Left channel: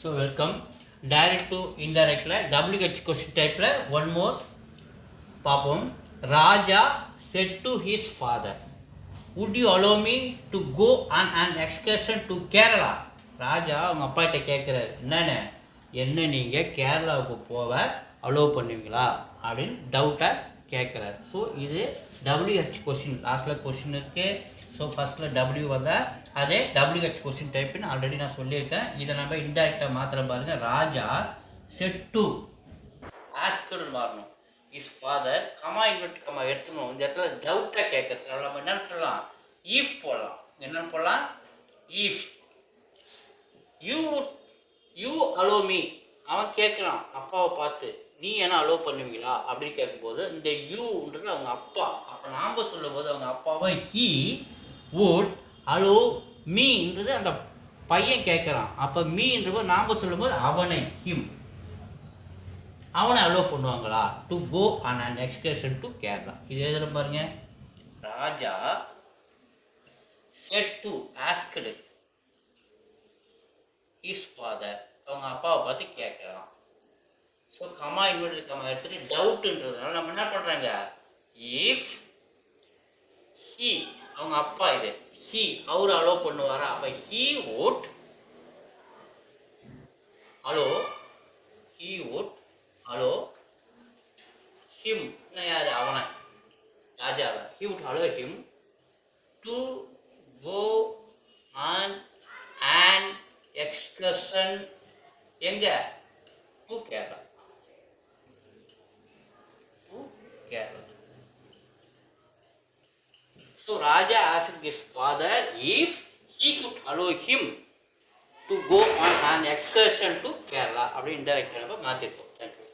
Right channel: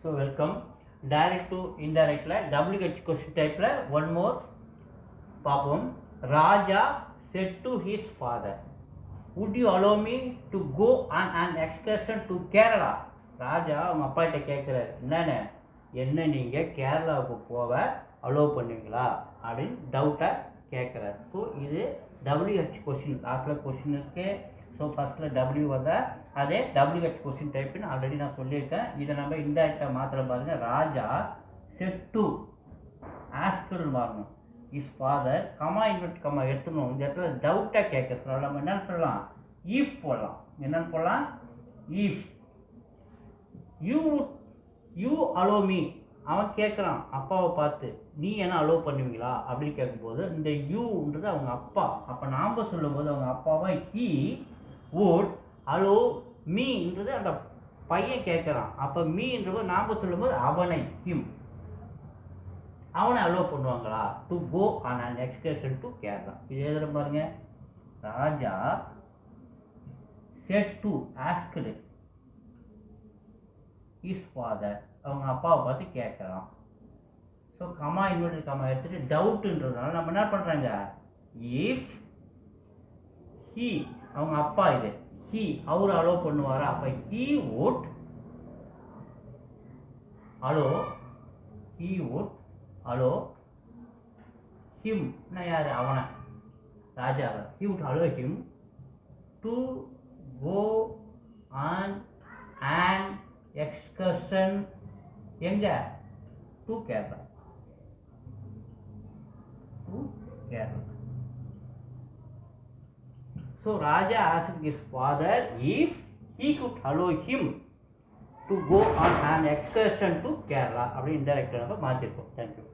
So welcome. Direct to indirect WH question type one more papum. Raja said to his father, would you allow me to go on an excursion to Kerala? ராஜா அவங்க அப்பாட்ட கேட்குறாரு, என்ன நீங்கள் கேரளாவுக்கு போக allow பண்ணுவீங்களா அப்படின்னு டவுட்டாக கேட்குறாரு. ஸோ இது WH கொஸ்டின், லாஸ்ட்டில் கொஸ்டின் இருக்குது. ஸோ ஃபஸ்ட்டில் W வந்தால் அதே WH கொஸ்டின் டைப்புன்னு ஆல்ரெடி நான் சொல்லியிருக்கேன். இதை நம்ம இன்டைரக்டாக மாத்திர பாருங்கள். ராஜா செட் டு ஆஸ்கர்னு மாறணும். Is father comma invert comma எடுத்துக்கணும். இந்த இடத்துல டவுட்டாக கேட்கறதுனால நம்ம என்னென்னு சொல்லலாம், ஈஃப் போடலாம். என்னென்னு போடலாம், ஈஃப் யூ அலோ மீ. அவன் கேட்குறான் அப்பாவை பார்த்து, நீ என்ன அலோவ் பண்ணுவீங்களா அப்படின்னு கேட்கும்போது இந்த யூன்றது அவங்க அப்பா. அப்போ நாம் சொல்லும்போது அவங்க அப்பாவை ஹீ வுட் அலோ மீன்றது அந்த பையன் கேட்குறான். அப்போ மீன்றது நாம் சொல்லும்போது அவனை ஹிம், அவனை அலோவ் பண்ணுவாங்களா to go on an excursion to Kerala. இது எழுதுற பாருங்க. Raja said to asked his father, அவங்க அப்பாவை பார்த்து கேட்குறான். ஸோ கமா இன்னொரு கமா எடுத்துகிட்டு டவுட்டுன்றதுனால நம்ம என்ன பண்ணுறாங்க, இஃப் ஹீ அவங்க அப்பா, இது ஹீ அவர் அலோவ் பண்ணுவாரா, அப்போ he would allow, he would allow him, யார் அவனை, ராஜாவை, he would allow him to go on an excursion எங்க, to Kerala, to Kerala. So Raja asked his father if he could allow him to go on an excursion to Kerala. அப்படி இன்டைரக்டாக நம்ம மாற்றிருக்கோம். Thank you.